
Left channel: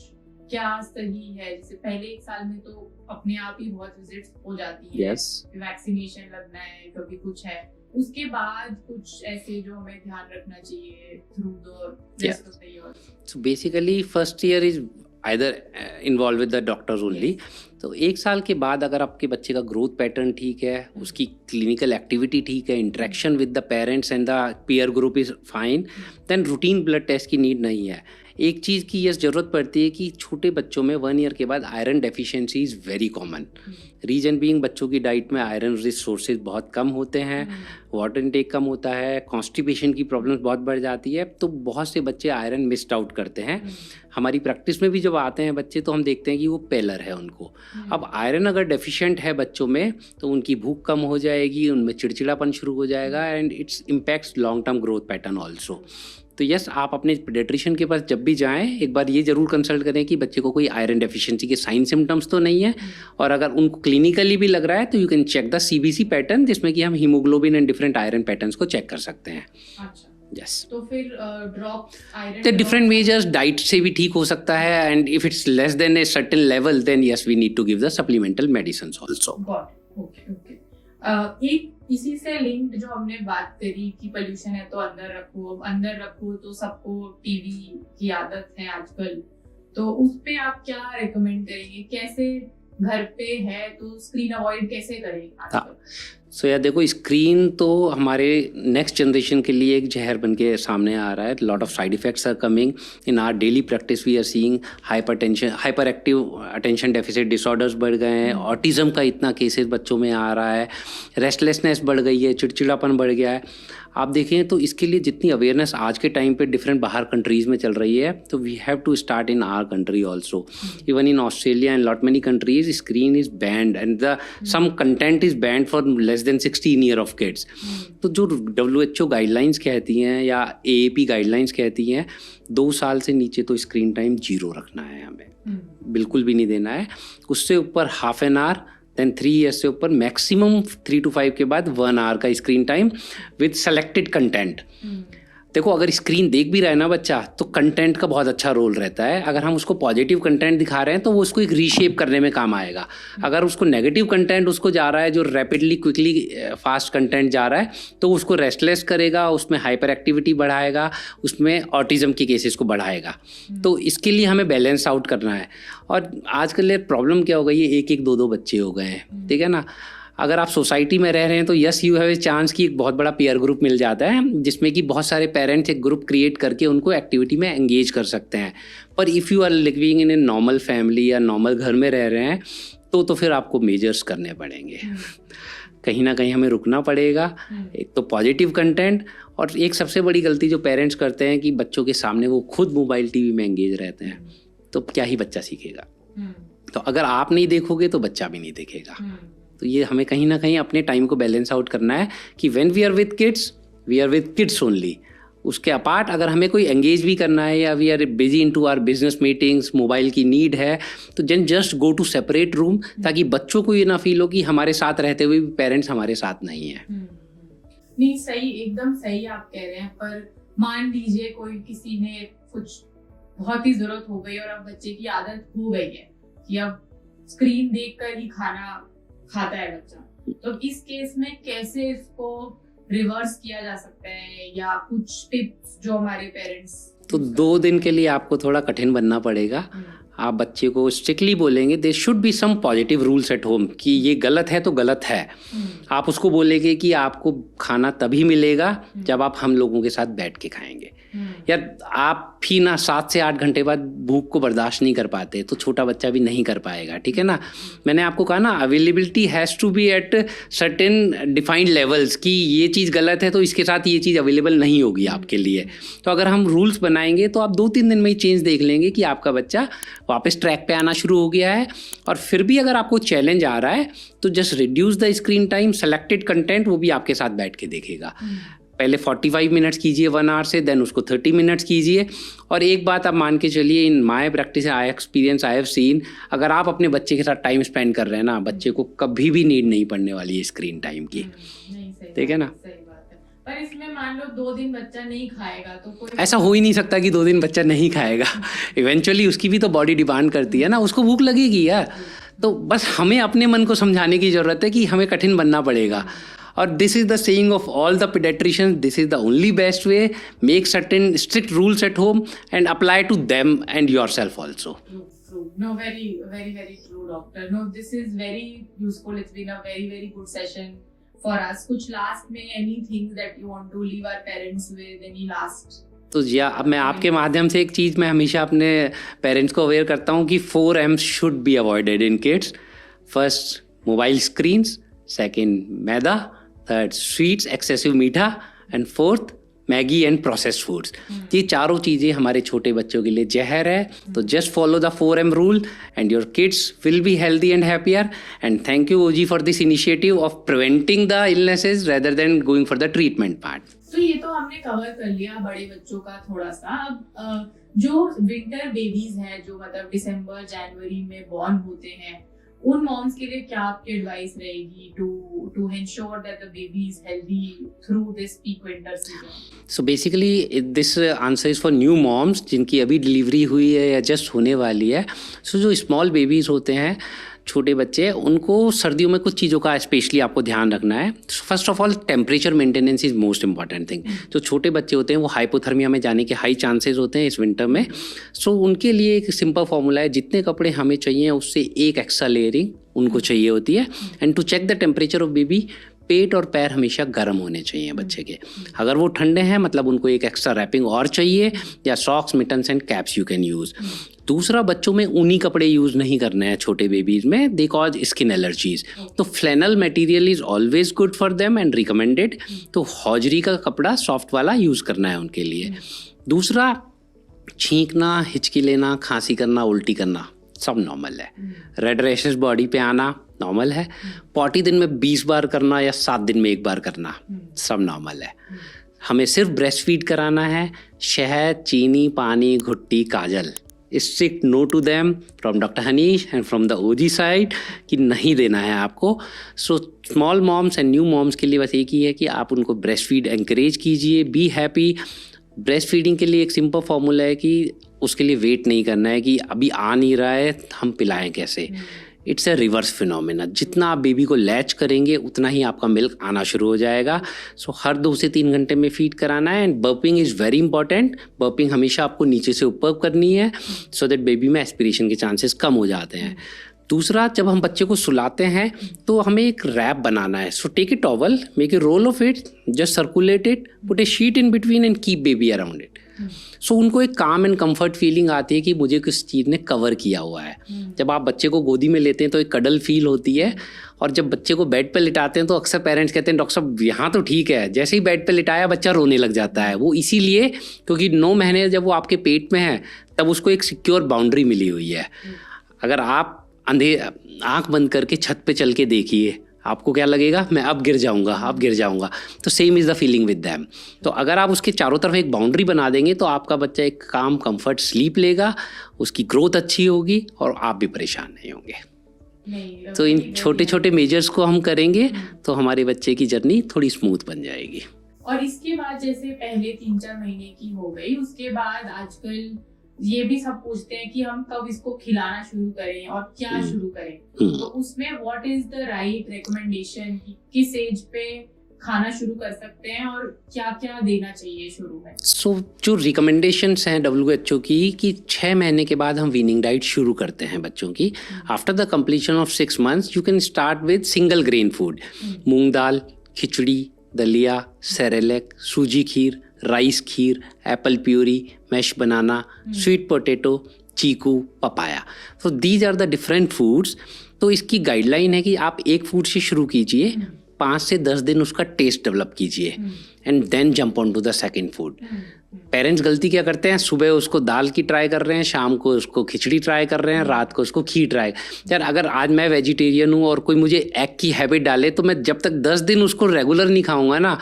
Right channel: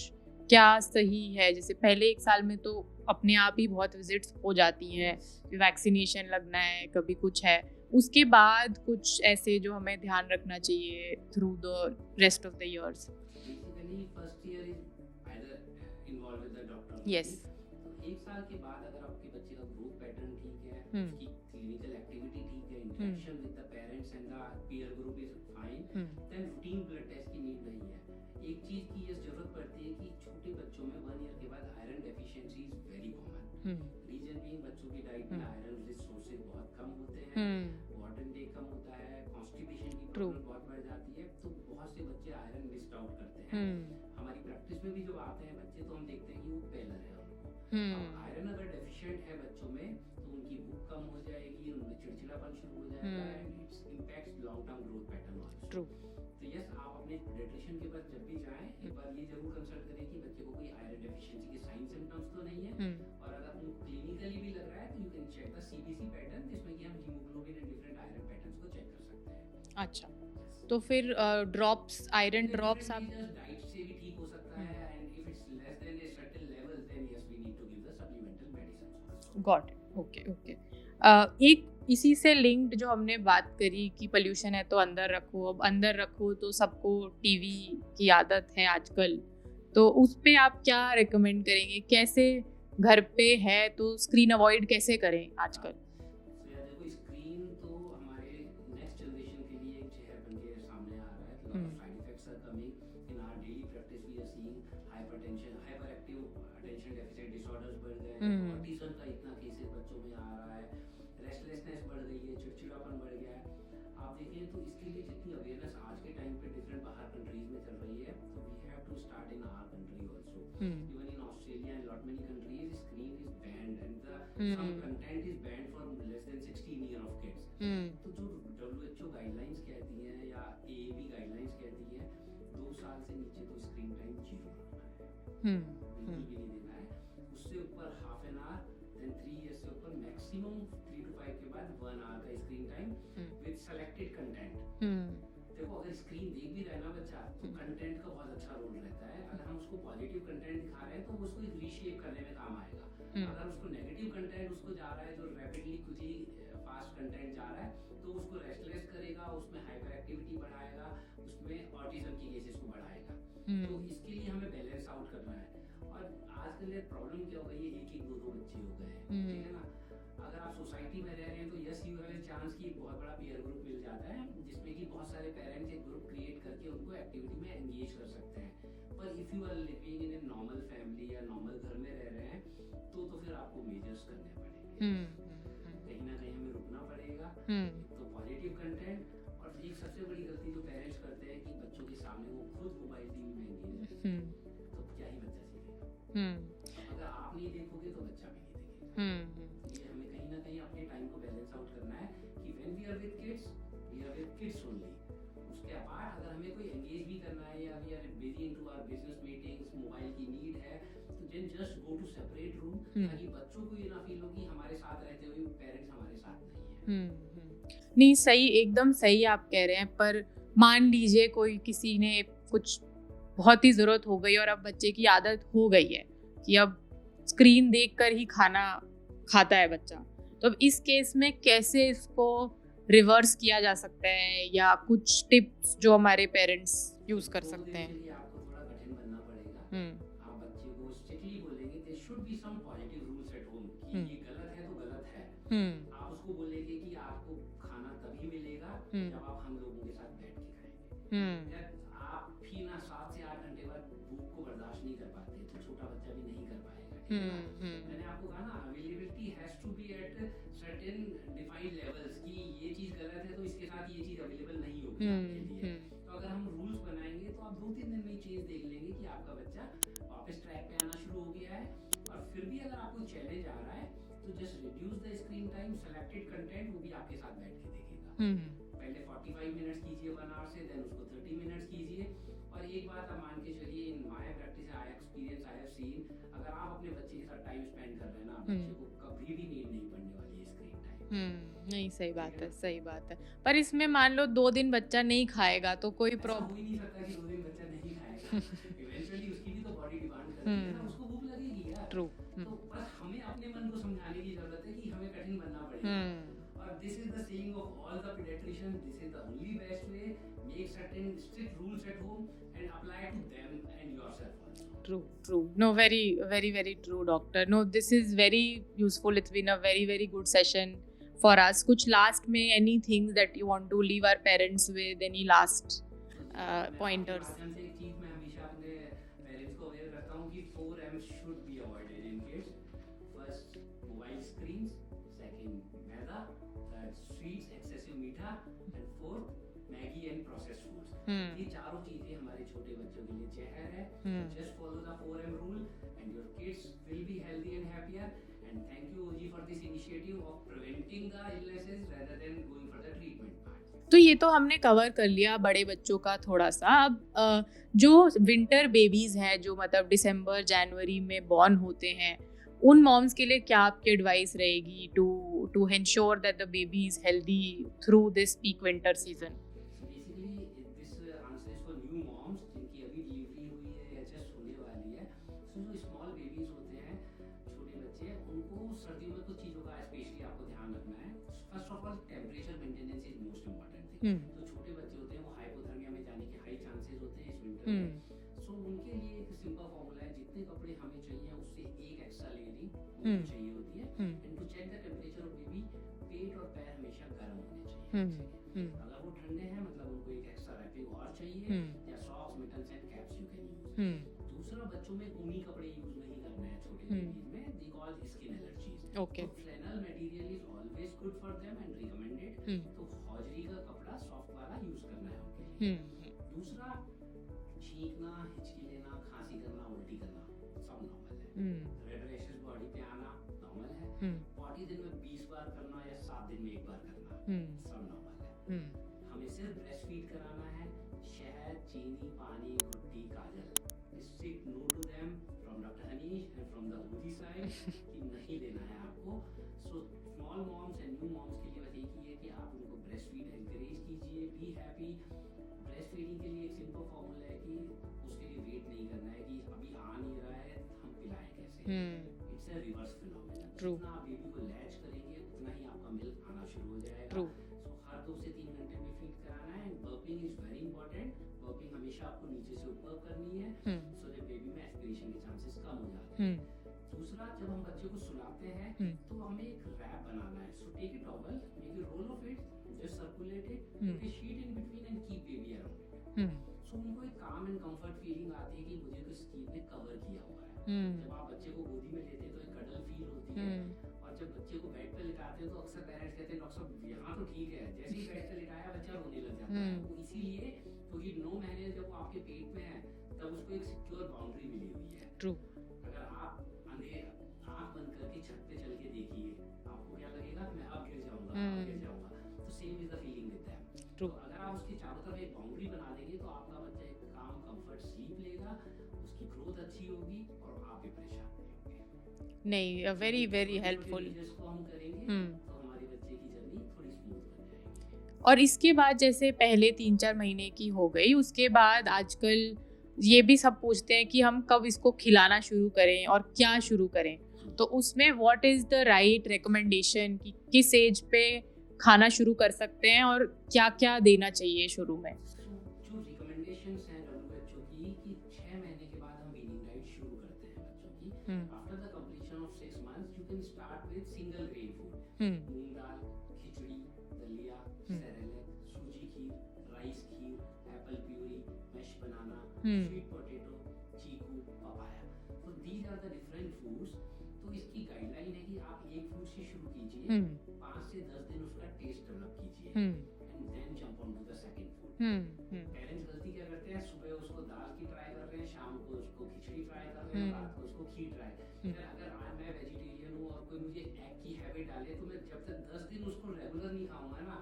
क्या सही है? जैसे पहले 1 साल में तो अपने आप ही बहुत विजिट्स हो जाती हैं, वैक्सीनेशन लगना है, कभी कुछ है. उसके बाद कुछ ऐसे जो हमें ध्यान रखना चाहिए through the rest of the years? So basically first year is either involve with the doctors only. तो 1 साल के बाद अगर आपके बच्चे का ग्रोथ पैटर्न ठीक है, उसकी क्लिनिकल एक्टिविटी ठीक है, interaction with the parents and the peer group is fine, then routine blood test की नीड नहीं है. एक चीज़ की यस ज़रूरत पड़ती है कि छोटे बच्चों में 1 ईयर के बाद iron deficiency is very common. Reason being बच्चों की डाइट में आयरन रिच सोर्सेज बहुत कम होते हैं, वाटर इनटेक कम होता है, कॉन्स्टिपेशन की प्रॉब्लम्स बहुत बढ़ जाती है. तो बहुत से बच्चे आयरन मिस्ड आउट करते हैं. हमारी प्रैक्टिस में भी जब आते हैं बच्चे, तो हम देखते हैं कि वो पेलर है उनको. अब आयरन अगर डेफिशिएंट है बच्चों में, तो उनकी भूख कम हो जाएगी, उनमें चिड़चिड़ापन शुरू हो जाएगा, and it's impacts long term growth pattern also. तो यस, आप अपने पीडियाट्रिशियन के पास जब भी जाएं, एक बार ये जरूर कंसल्ट करें कि बच्चे को कोई आयरन डेफिशिएंसी के साइन सिम्टम्स तो नहीं है. और अगर उनको क्लिनिकली भी लग रहा है, तो you can check the CBC pattern, जिसमें कि हम haemoglobin and different iron patterns को चेक कर सकते हैं. अच्छा. यस. तो फिर ड्रॉप्स, आयरन तो डिफरेंट मेजर्स, डाइट से भी ठीक हो सकता है, and if it's less than a certain level, then yes we need to give the supplemental medicines also. Got. Okay. एक इसी से लिंक्ड जो हमने बात करी कि पोल्यूशन है तो अंदर रखो, तो सबको टीवी की आदत है आजकल, तो उस पे आप क्या रेकमेंड करेंगे? कैसे घर पे है तो स्क्रीन अवॉइड कैसे करें आजकल? सो यार देखो, स्क्रीन तो हमारे नेक्स्ट जनरेशन के लिए एक जहर बन के सामने आ रहा है. Lot of side effects are coming in our daily practice. We are seeing hyperactive attention deficit disorders बढ़ गए हैं, ऑटिज्म का इतना केसेस बच्चों में आ रहा है, रेस्टलेसनेस बढ़ गई है, चिड़चिड़ापन बढ़ गया है. आप देखें तो इसके लिए जितनी अवेयरनेस आज के टाइम पे डिफरेंट बाहर कंट्रीज़ में चल रही है, तो we have to start in our country also. Even in Australia and lot many countries screen is banned, and the some content is banned for less than 16 year of kids. तो जो WHO guidelines कहती हैं या AAP guidelines कहती हैं, 2 साल से नीचे तो स्क्रीन टाइम 0 रखना है हमें, बिल्कुल भी नहीं देना है. उससे ऊपर half an hour, then 3 years से ऊपर मैक्सिमम 3 to 5 के बाद 1 आवर का screen time with selected content. देखो, अगर स्क्रीन देख भी रहा है ना बच्चा, तो कंटेंट का बहुत अच्छा रोल रहता है. अगर हम उसको पॉजिटिव कंटेंट दिखा रहे हैं, तो वो उसको एक रीशेप करने में काम आएगा. अगर उसको नेगेटिव कंटेंट उसको जा रहा है, जो रैपिडली क्विकली फास्ट कंटेंट जा रहा है, तो उसको रेस्टलेस करेगा, उसमें हाइपर एक्टिविटी बढ़ाएगा, उसमें ऑटिज्म के केसेस को बढ़ाएगा. तो इसके लिए हमें बैलेंस आउट करना है. और आजकल प्रॉब्लम क्या हो गई है, 1-1, 2-2 बच्चे हो गए हैं, ठीक है ना. अगर आप सोसाइटी में रह रहे हैं, तो yes you have a chance कि एक बहुत बड़ा पीयर ग्रुप मिल जाता है, जिसमें कि बहुत सारे पेरेंट्स एक ग्रुप क्रिएट करके उनको एक्टिविटी में एंगेज कर सकते हैं. पर if you are living in a normal family या नॉर्मल घर में रह रहे हैं, तो फिर आपको मेजर्स करने पड़ेंगे. कहीं ना कहीं हमें रुकना पड़ेगा. एक तो पॉजिटिव कंटेंट, और एक सबसे बड़ी गलती जो पेरेंट्स करते हैं कि बच्चों के सामने वो खुद मोबाइल TV में एंगेज रहते हैं. तो क्या ही बच्चा सीखेगा? तो अगर आप नहीं देखोगे तो बच्चा भी नहीं देखेगा. तो ये हमें कहीं ना कहीं अपने टाइम को बैलेंस आउट करना है कि when we are with kids only. उसके अपार्ट अगर हमें कोई एंगेज भी करना है या we are busy in to our business meetings, mobile की नीड है, तो then just go to separate room, ताकि बच्चों को ये ना फील हो कि हमारे साथ रहते हुए भी पेरेंट्स हमारे साथ नहीं है। नहीं, सही, एकदम सही आप कह रहे हैं। पर मान लीजिए कोई किसी ने कुछ बहुत ही जरूरत हो गई और अब बच्चे की आदत हो गई है कि अब स्क्रीन देखकर ही खाना खाता है बच्चा, तो अब इस केस में कैसे इसको रिवर्स किया जा सकता है, या कुछ टिप्स जो हमारे पेरेंट्स? तो 2 दिन के लिए आपको थोड़ा कठिन बनना पड़ेगा। आप बच्चे को स्ट्रिक्टली बोलेंगे, there should be some positive rules at home कि ये गलत है तो गलत है। आप उसको बोलेंगे कि आपको खाना तभी मिलेगा जब आप हम लोगों के साथ बैठ के खाएंगे, या आप भी ना 7 से 8 घंटे बाद भूख को बर्दाश्त नहीं कर पाते, तो छोटा बच्चा भी नहीं कर पाएगा, ठीक है ना। मैंने आपको कहा ना, availability has to be at certain defined levels कि ये चीज़ गलत है तो इसके साथ ये चीज़ अवेलेबल नहीं होगी आपके लिए। तो अगर हम रूल्स बनाएंगे तो आप 2-3 दिन में ही चेंज देख लेंगे कि आपका बच्चा वापस ट्रैक पे आना शुरू हो गया है। और फिर भी अगर आपको चैलेंज आ रहा है तो just reduce the screen time, selected content वो भी आपके साथ बैठ के देखेगा। पहले 45 मिनट्स कीजिए 1 आवर से, देन उसको 30 मिनट्स कीजिए। और एक बात आप मान के चलिए, in my practice I experience I have seen, अगर आप अपने बच्चे के साथ टाइम स्पेंड कर रहे हैं ना, बच्चे को कभी भी नीड नहीं पड़ने वाली है स्क्रीन टाइम की। ठीक है ना। सही बात है। पर इसमें मान लो 2 दिन बच्चा नहीं खाएगा तो कोई ऐसा हो ही नहीं सकता कि 2 दिन बच्चा नहीं खाएगा। इवेंचुअली उसकी भी तो बॉडी डिमांड करती है ना, उसको भूख लगेगी यार। तो बस हमें अपने मन को समझाने की ज़रूरत है कि हमें कठिन बनना पड़ेगा। और this is the saying of all the pediatricians, this is the only best way. Make certain strict rules at home and apply to them and yourself also. True. No, very true, doctor. No, this is very useful. It's been a very good session for us. कुछ last में anything that you want to leave our parents with, any last? तो जी, अब मैं आपके माध्यम से एक चीज़ मैं हमेशा अपने पेरेंट्स को अवेयर करता हूँ कि 4 M's should be avoided in kids. First, mobile screens, second, maida, third, sweets, excessive मीठा, and fourth, Maggi and processed foods. ये चारों चीज़ें हमारे छोटे बच्चों के लिए जहर है। तो just follow the 4M rule and your kids will be healthy and happier. And thank you OG for this initiative of preventing the illnesses rather than going for the treatment part. तो ये तो हमने cover कर लिया बड़े बच्चों का थोड़ा सा। अब जो विंटर बेबीज हैं, जो मतलब दिसंबर जनवरी में बॉर्न होते हैं, उन मॉम्स के लिए क्या आपकी एडवाइस रहेगी to ensure that the baby is healthy through this peak winter season? So basically this answer is for new moms जिनकी अभी डिलीवरी हुई है या जस्ट होने वाली है। सो जो स्मॉल बेबीज़ होते हैं, छोटे बच्चे, उनको सर्दियों में कुछ चीज़ों का स्पेशली आपको ध्यान रखना है। First of all, temperature maintenance is most important thing. जो छोटे बच्चे होते हैं वो हाइपोथर्मिया में जाने के हाई चांसेस होते हैं इस विंटर में। सो उनके लिए एक सिंपल फॉर्मूला है, जितने कपड़े हमें चाहिए उससे एक एक्स्ट्रा लेयरिंग उनको चाहिए होती है। And to check the temperature of baby, पेट और पैर हमेशा गर्म होने चाहिए बच्चे के। अगर वो ठंडे हैं मतलब उनको एक एक्स्ट्रा रैपिंग और चाहिए, या socks, mittens and caps you can use. दूसरा, बच्चों में ऊनी कपड़े यूज़ नहीं करने हैं छोटे बेबीज़ में, दे कॉज स्किन एलर्जीज। तो flannel material is always good for them and recommended. तो हौजरी का कपड़ा सॉफ्ट वाला यूज़ करना है उनके लिए। दूसरा, छींकना, हिचकी लेना, खांसी करना, उल्टी करना सब नॉर्मल है। रेड रैशेस बॉडी पे आना नॉर्मल है। पॉटी दिन में 20 बार करना या 7 दिन में 1 बार करना सब नॉर्मल है। हमें सिर्फ ब्रेस्ट फीड कराना है। शहद, चीनी, पानी, घुट्टी, काजल, strict no to them from doctor Hanish and from the OG side कि नहीं देना है आपको। So small moms and new moms के लिए बस एक ही है कि आप उनको ब्रेस्ट फीड एंकरेज कीजिए, बी हैप्पी। ब्रेस्ट फीडिंग के लिए एक सिंपल फॉर्मूला है कि उसके लिए वेट नहीं करना है कि अभी आ नहीं रहा है हम पिलाएं कैसे। It's a reverse phenomena. जितना आप बेबी को लैच करेंगे उतना ही आपका मिल्क आना शुरू हो जाएगा। सो हर 2 से 3 घंटे में फीड कराना है। And burping is very important. Burping हमेशा आपको नीचे से ऊपर करनी है सो दैट बेबी में एस्पिरेशन के चांसेस कम हो जाते हैं। दूसरा, जब हम बच्चे को सुलाते हैं तो हमें एक रैप बनाना है। So take a towel, make a roll of it, just circulate it, put a sheet in between and keep baby around it. सो उनको एक काम एंड कंफर्ट फीलिंग आती है कि मुझे किस चीज़ ने कवर किया हुआ है। जब आप बच्चे को गोदी में लेते हैं तो एक कडल फील होती है। और जब बच्चे को बेड पे लिटाते हैं तो अक्सर पेरेंट्स कहते हैं डॉक्टर साहब यहाँ तो ठीक है, जैसे ही बेड पे लिटाया बच्चा रोने लग जाता है। वो इसीलिए क्योंकि 9 महीने जब वो आपके पेट में है तब उसको एक सिक्योर बाउंड्री मिली हुई है। अगर आप आंख बंद करके छत पे चल के देखिए, आपको क्या लगेगा, मैं अब गिर जाऊंगा. तो same is the feeling with them. तो अगर आप उसके चारों तरफ एक बाउंड्री बना देंगे तो आपका बच्चा एक काम कंफर्ट स्लीप लेगा, उसकी ग्रोथ अच्छी होगी और आप भी परेशान नहीं होंगे. नहीं, तो इन छोटे छोटे मेजर्स को हम करेंगे तो हमारे बच्चे की जर्नी थोड़ी स्मूथ बन जाएगी. और इसके बाद जैसे पहले 3-4 महीने की हो गई, उसके बाद आजकल ये भी सब पूछते हैं कि हम कब इसको खिलाना शुरू करें और क्या शुरू करें. तो उसमें what is the right recommendation कि किस एज पे खाना शुरू कर सकते हैं और क्या क्या देना चाहिए शुरू में? सो जो रिकमेंडेशंस हैं WHO की कि 6 महीने के बाद हम वीनिंग डाइट शुरू करते हैं बच्चों की. After the completion of 6 months you can start with single grain food, moong dal, khichdi, daliya, Cerelac, suji kheer, rice kheer, apple puree, mash banana, sweet potato, chiku, papaya. So these are the different foods. तो इसकी गाइडलाइन है कि आप एक फूड से शुरू कीजिए, 5 से 10 दिन उसका टेस्ट डेवलप कीजिए and then jump on to the second food. Parents गलती क्या करते हैं, सुबह उसको दाल की ट्राई कर रहे हैं, शाम को उसको खिचड़ी ट्राई कर रहे हैं, रात को उसको खीर ट्राई. यार अगर आज मैं वेजिटेरियन हूँ और कोई मुझे एग की हैबिट डाले तो मैं जब तक 10 दिन उसको रेगुलर नहीं खाऊंगा ना,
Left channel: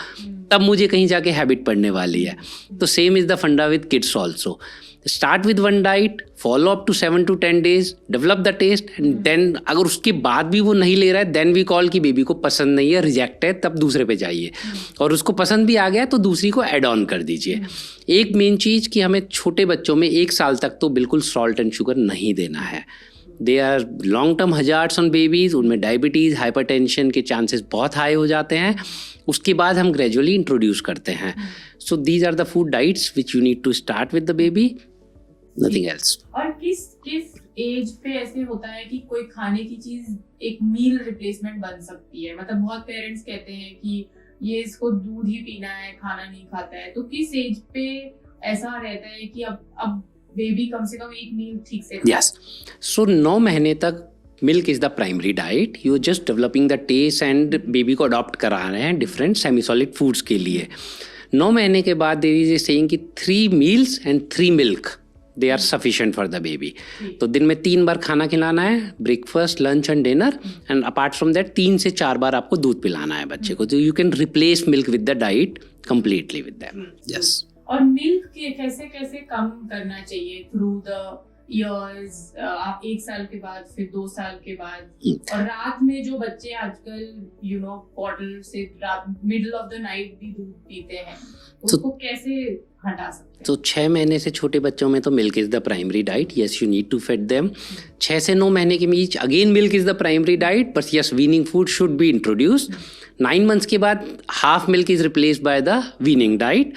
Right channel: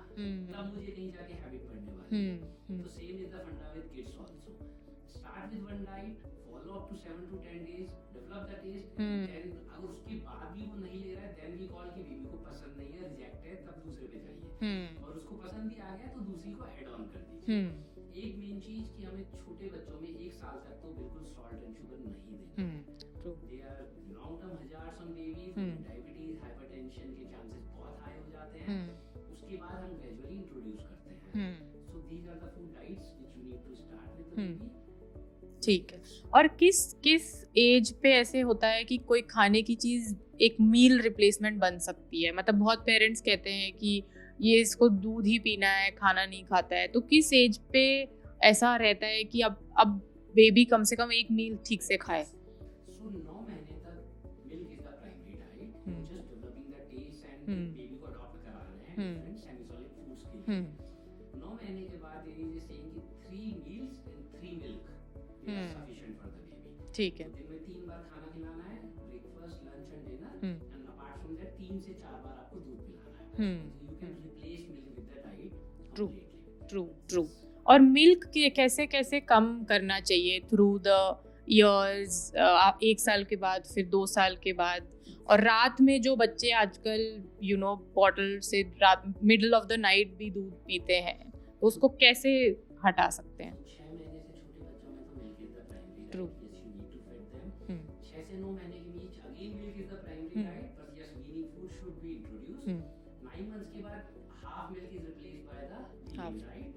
तब मुझे कहीं जाके हैबिट पड़ने वाली है. तो same is the funda with kids also. Start with one diet, follow up to 7 to 10 days, develop the taste and then अगर उसके बाद भी वो नहीं ले रहा है देन वी कॉल कि बेबी को पसंद नहीं है, रिजेक्ट है, तब दूसरे पे जाइए. और उसको पसंद भी आ गया तो दूसरी को ऐड ऑन कर दीजिए. एक मेन चीज़ कि हमें छोटे बच्चों में 1 साल तक तो बिल्कुल सॉल्ट एंड शुगर नहीं देना है. They are long term hazards on babies. उनमें डायबिटीज़, हाइपरटेंशन के चांसेस बहुत हाई हो जाते हैं. उसके बाद हम ग्रेजुअली इंट्रोड्यूस करते हैं. So these are the food diets which you need to start with the baby, nothing else. और किस एज पे ऐसे होता है कि कोई खाने की चीज एक मील रिप्लेसमेंट बन सकती है? मतलब बहुत पेरेंट्स कहते हैं कि ये इसको दूध ही पीना है, खाना नहीं खाता है. तो किस एज पे ऐसा रहता है कि अब बेबी कम से कम एक मील ठीक से खाए? यस. सो 9 महीने तक milk is the primary diet. You just developing the taste and baby को अडॉप्ट करा रहे हैं डिफरेंट सेमी सॉलिड फूड्स के लिए. 9 महीने के बाद देयर इज ए सेइंग कि 3 meals and 3 milk they are sufficient for the baby. तो दिन में 3 बार खाना खिलाना है, breakfast, lunch and dinner. And apart from that 3 से 4 बार आपको दूध पिलाना है बच्चे को. तो you can replace milk with the diet completely with them. Yes. और मिल्क के कैसे कैसे कम करना चाहिए थ्रू द ईयर्स? आप 1 साल के बाद, फिर 2 साल के बाद. और रात में जो बच्चे आजकल बॉटल से मिडल ऑफ द नाइट भी दूध पीते हैं, तो उसको कैसे हटा सकते हैं? तो 6 महीने से छोटे बच्चों में तो milk is the primary diet. Yes, you need to feed them. 6 से 9 महीने के बीच again milk is the primary diet, but yes weaning food should be introduced. 9 months के बाद half milk is replaced by the weaning diet.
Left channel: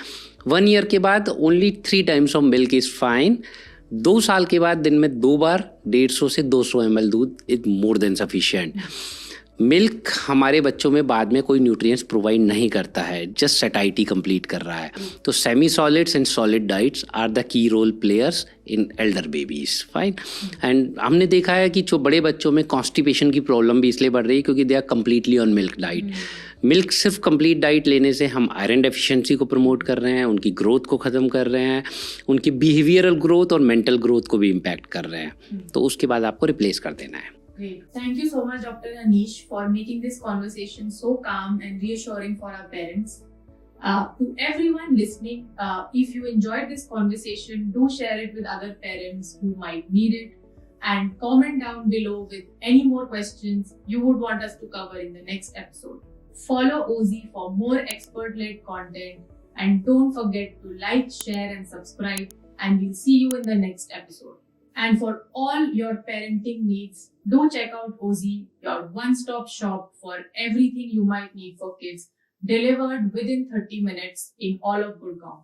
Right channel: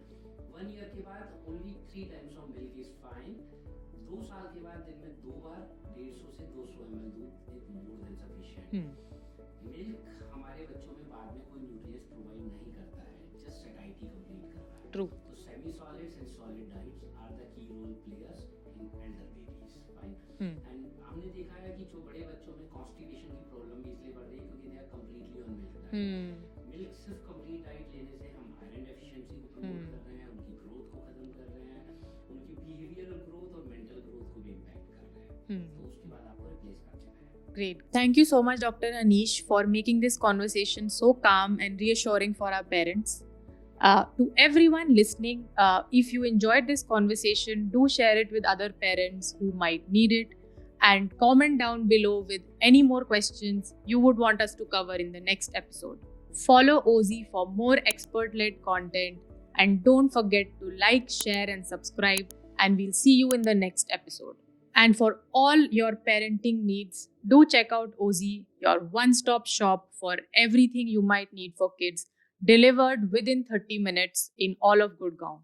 1 year के बाद only 3 times of milk is fine. 2 साल के बाद दिन में 2 बार 150 से 200 ml दूध is more than sufficient. Milk हमारे बच्चों में बाद में कोई न्यूट्रिएंट्स प्रोवाइड नहीं करता है, जस्ट सैटिस्फाई कंप्लीट कर रहा है. तो semi solids and solid diets are the key role players in elder babies. Fine. And हमने देखा है कि जो बड़े बच्चों में कॉन्स्टिपेशन की प्रॉब्लम भी इसलिए बढ़ रही है क्योंकि they are completely on milk diet. Milk सिर्फ कंप्लीट डाइट लेने से हम आयरन डेफिशिएंसी को प्रमोट कर रहे हैं, उनकी ग्रोथ को ख़त्म कर रहे हैं, उनकी बिहेवियरल ग्रोथ और मेंटल ग्रोथ को भी इम्पैक्ट कर रहे हैं. तो उसके बाद आपको रिप्लेस कर देना है. Great. Thank you so much, Dr. Anish, for making this conversation so calm and reassuring for our parents. To everyone listening, if you enjoyed this conversation, do share it with other parents who might need it, and comment down below with any more questions you would want us to cover in the next episode. Follow OZ for more expert-led content, and don't forget to like, share, and subscribe, and we'll see you in the next episode. And for all your parenting needs, do check out OZ, your one-stop shop for everything you might need for kids, delivered within 30 minutes in all of Gurgaon.